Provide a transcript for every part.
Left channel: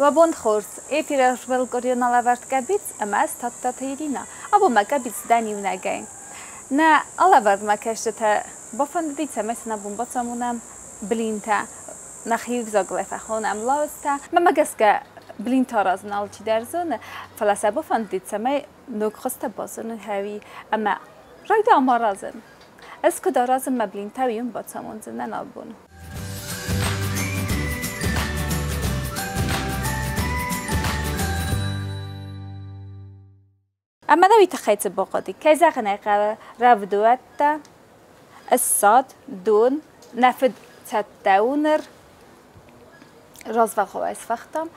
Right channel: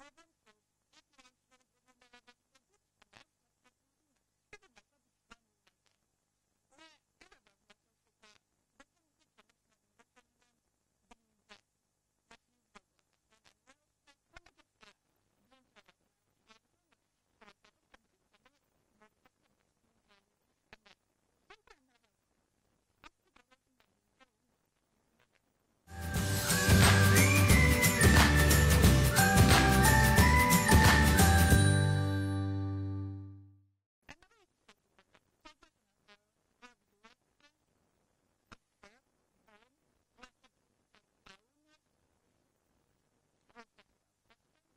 و بند خورس ایپیرش ولگوریون alăvărd къăبiц اما از Тадтаты Иринăйы ابو ما къăبiц دنیو نگیم نه alăvărd ما کشته بافند دیت مثلا بومباتمونم بلینتا نخیف زاگلفه خونم لاستا ما گسکه بلینتا رازن آلچی درزونه فلسه بافند دیت سمی نگخست بازن هوی اما راید آمارازن از کدا رازن ما بلینتا ویم باتمون زنده نبون اما نوی تخیط باقادی که زغنه قوه رودوت الصاد دون نفد تدونر رازولغاوس فختم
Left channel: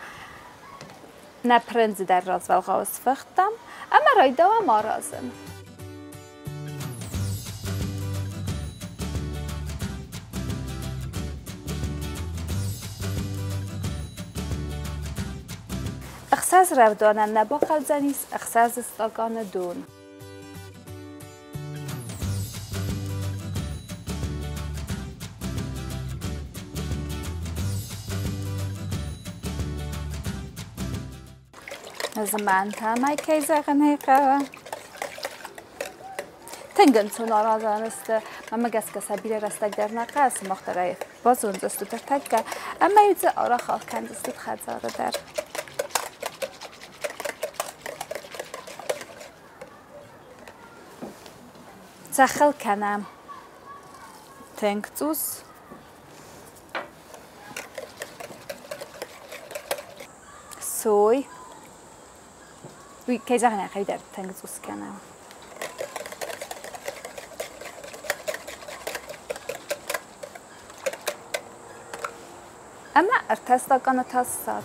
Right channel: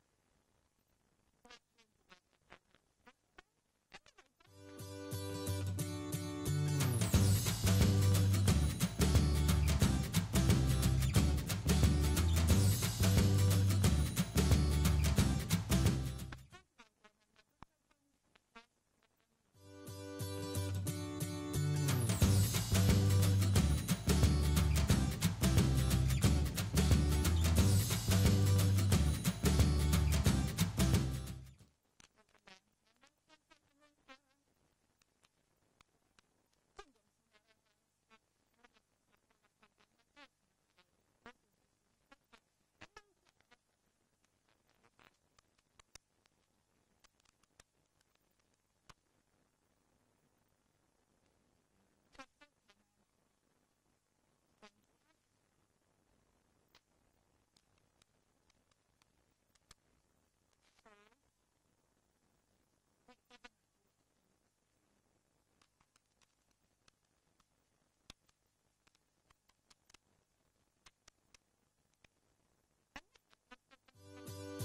نپرنز در رازولغاوس فختم اما رایدا و ما رازن اخساز رودانن نباخل زنیس اخساز استاگان دون زمان تامای که زغنه قوه تنگن سون آرازان است مما گس کسا بیره رستگ در نقص مخترعی باز اون دستو در تگه اما یوزه آرا خاک کند دستو خزاره در سخل کنم تنگ توس سوی که زغنه خیلی در تنگ توس کنم اما ارتستا کنه تاستاد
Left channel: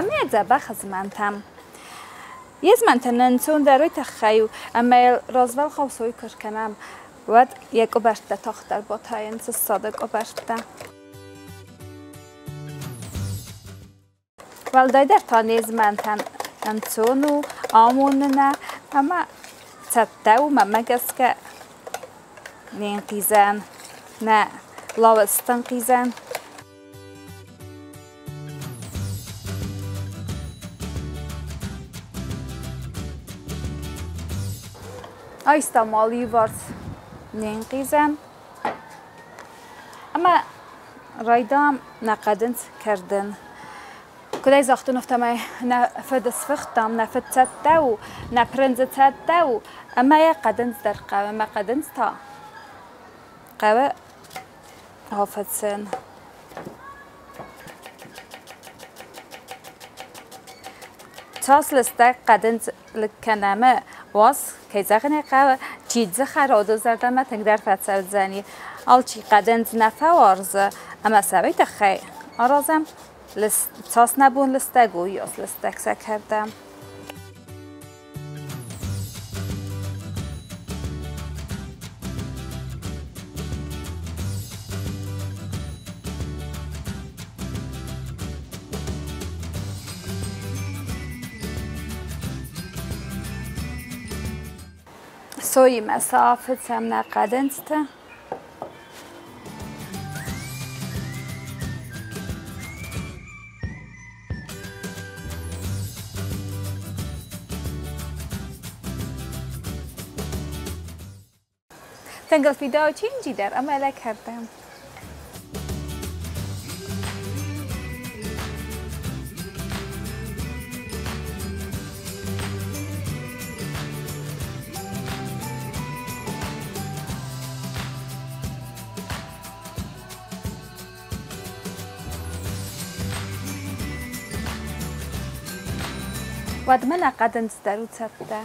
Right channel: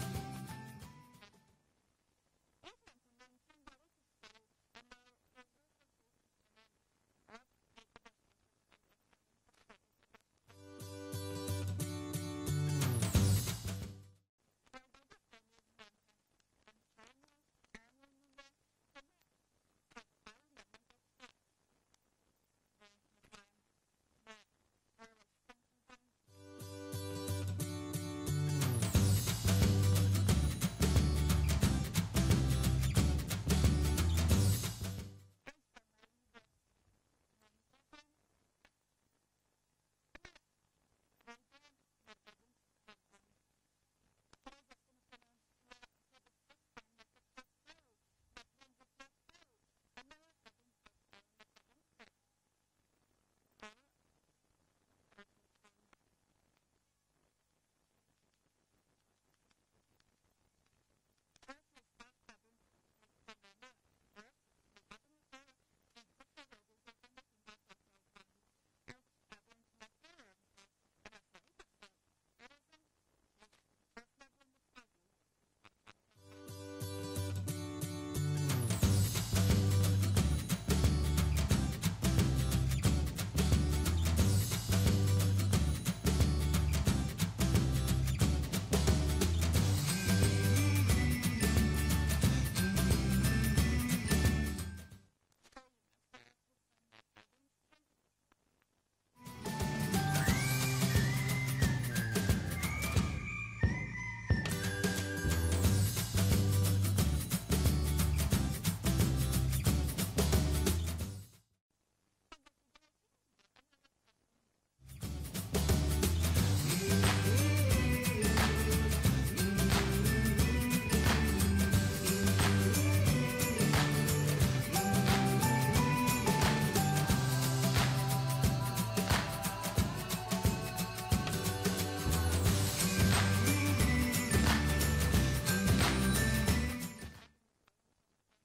اما زبا خزمانتم یز منتنن چون دروی تخیو اما رازول خواسوی کش کنم ود یک اوبشته تاختر با تاینس صادق اوبشته والدای در تانیز منتن انچونو آموننه اما تدو ممگس که نینقیزن نه لاوستن قیزن آیستا مالی وارد نینقیزم اما رایدام نقدنت کردن کدای زاختون افتم نفد سفختم نفد تدو نپرنز تدو اما یا قدنت در قوه ما قدنت تا قوه حافتسن تاس لسته قدنت لکنمه واس که زغنه قوه چیز خرادو زردم ما تنگ در فتسل زنی آل چی قدنت نفوارزه اما سوی تخی آرازم تاس نبون لسته گویاس لسته کسه کردم سوی مسافت هم نقدنسته تنگل فیداو چینجی در عمله کردم ود من قدنس درو تبده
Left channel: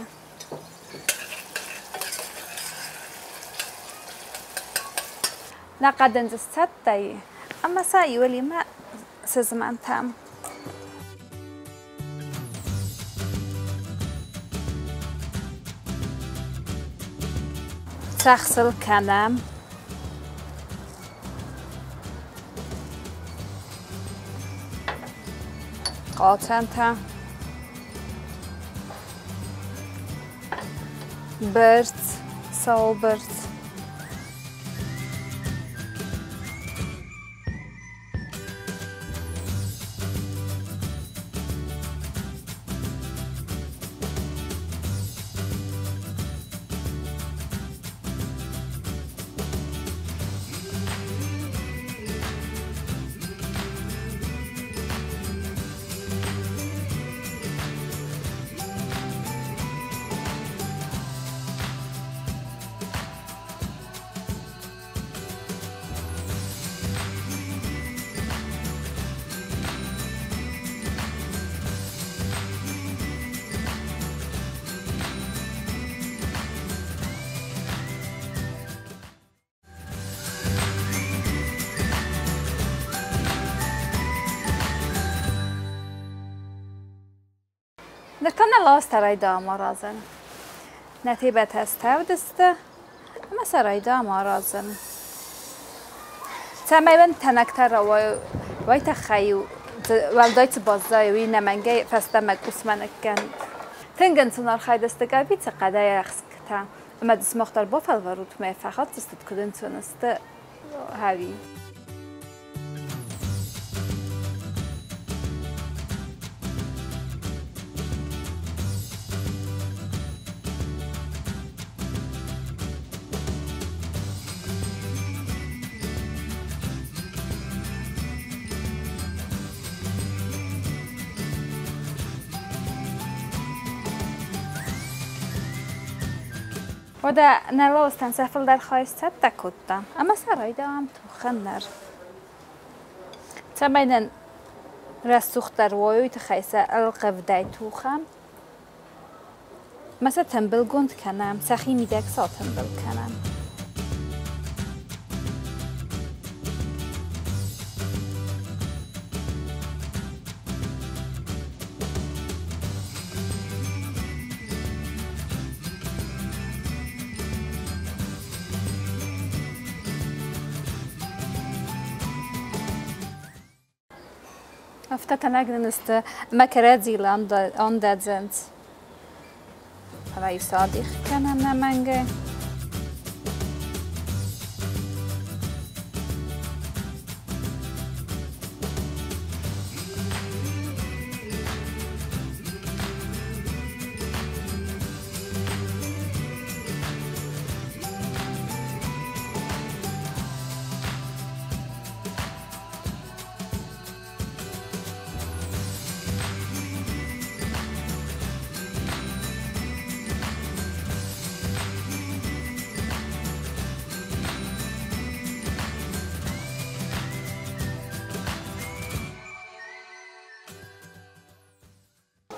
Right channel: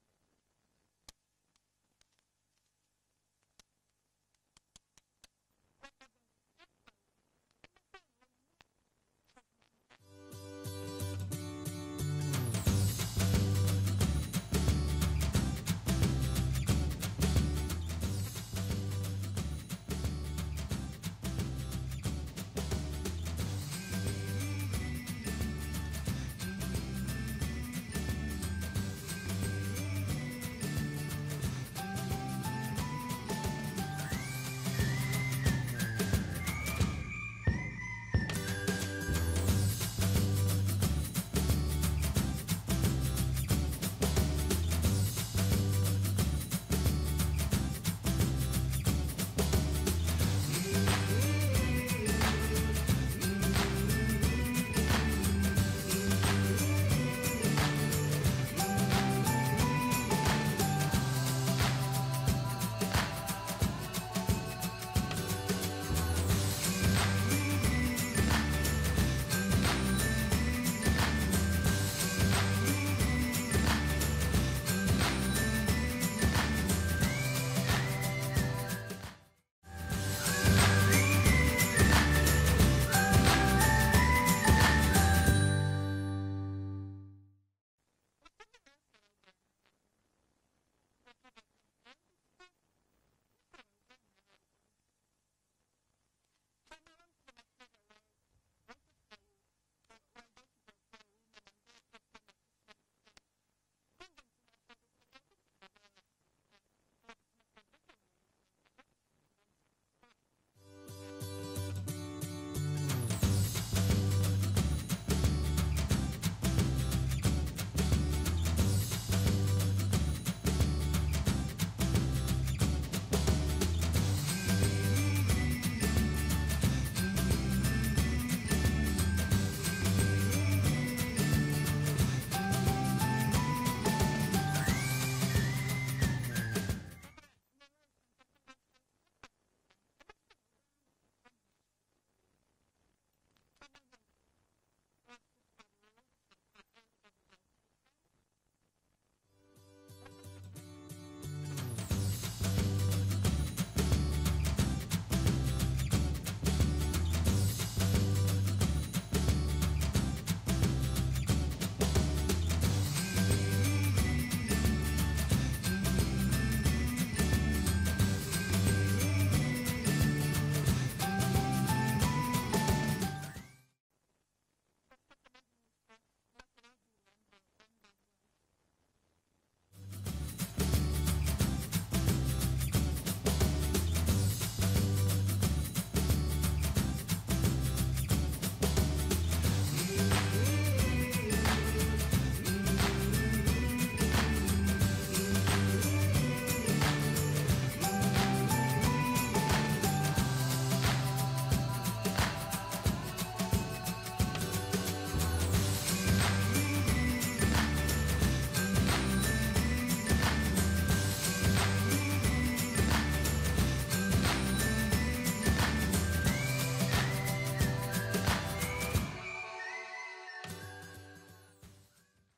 نقدنس تبده اما سعی ولی ما سزمان تام تغسل کنم آتنتا برد سالبرد نركنا الله استرايدا مرازن نتيبة هستودسته اما سرايدا مرازن تماما تنكتر ويتخيو والدايت بازاي وين منجي فاستمك اسمنك كان تنجن سنار خايدست قبيت قدايا رخصكتا اما دس مختار بافل وروت ما فقط استدكدن تونست هاوي وده نلوستن سفل در خواهستت تکوتا اما سرایده هم تو خندر تماما رسوخ در وایوی تخیصه القفدای تو خم مثلا تنبل گند کنم سخی میدک سا تنبل کنم افتتنا جنست مكرادي لاند زنت رئيس صادق كان نمانجه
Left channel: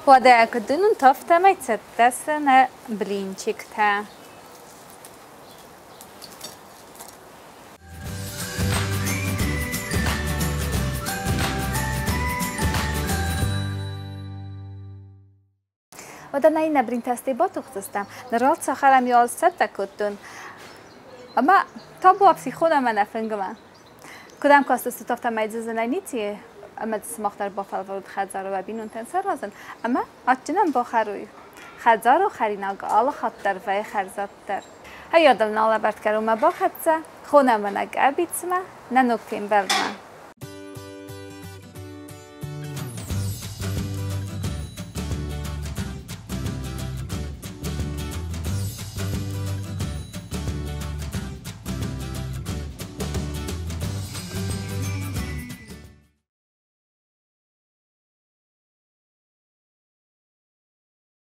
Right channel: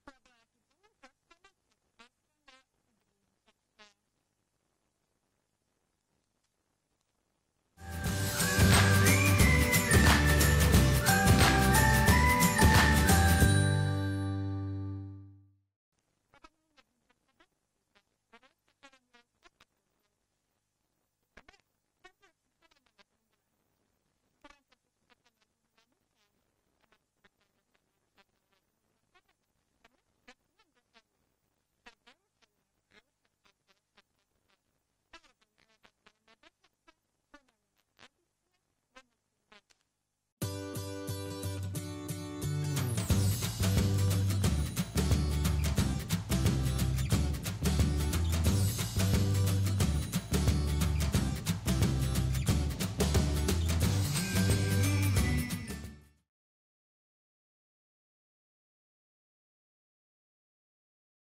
وده كدنون طفته ما يتسدسنا بلينشكتا وده ناينا برينتاستي باتوختستم نرالت ساخرم يال ستا كدن اما تابو ابسي خودم من افنگم کدام کاستستو طفته ما يتززنا نيتيه اما دسماختر با فلورد خزار و بینون تنسر رازن اما آتجنن با خروی خزار و خریناگ آل خطر و خرزات در هیا دل نالا برد کرو ما با خدسه خونه منگ ابیت ما ننوکتیم بلمن